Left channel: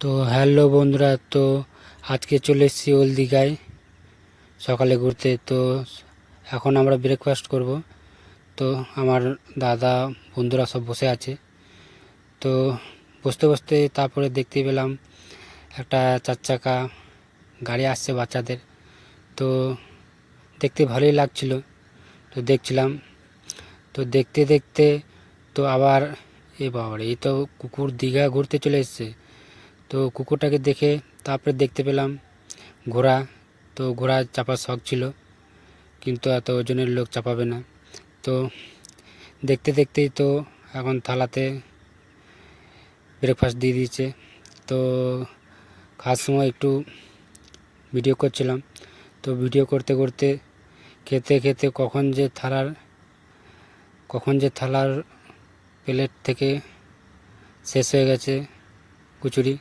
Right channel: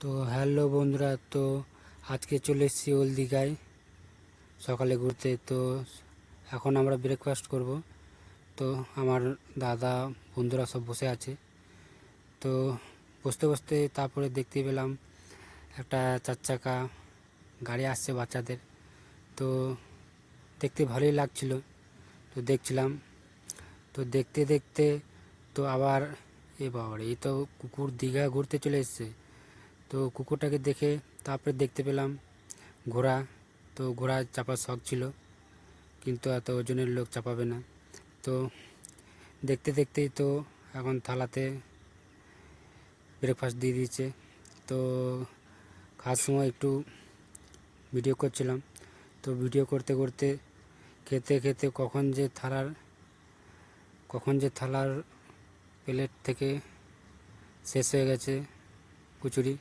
তো হ্যালো বন্ধুরা, তো আজকে চলে এসেছি ওল দীঘায় সকালে ঘুরতে। তো এখন আমরা ব্রেকফাস্ট করব। তো আমার দাদা বন্ধুরা সব বসে আছে। তো বসতে বসতে তারপরে দেখতে পেলাম একটা 4 চাকা গাড়ি আসছে বাচ্চাদের। তো দেখতে ভালোই লাগছিল, তো দেখছিলাম। তো দেখতে দেখতে তো আবার বাবার এই তো কুকুর দীঘা ঘুরতে চলে এসেছে। তো কুকুরটাকে দেখে তারপরে দেখতে পেলাম ঘোড়া। তো ঘোড়া চাপার শখ ছিল, কিন্তু এত ওজনের লোক চাপাবে না। তো দেখতে দেখতেই তো এখন থালাতে ব্রেকফাস্ট দিয়ে দিয়েছে। তো খাওয়ার সময় একটু ভিডিও করছিলাম। তো ভিডিও করতে করতে খেতে খেতে কখন যে থালার প্লেট থেকে শেষ হয়ে গেছে কচুরি।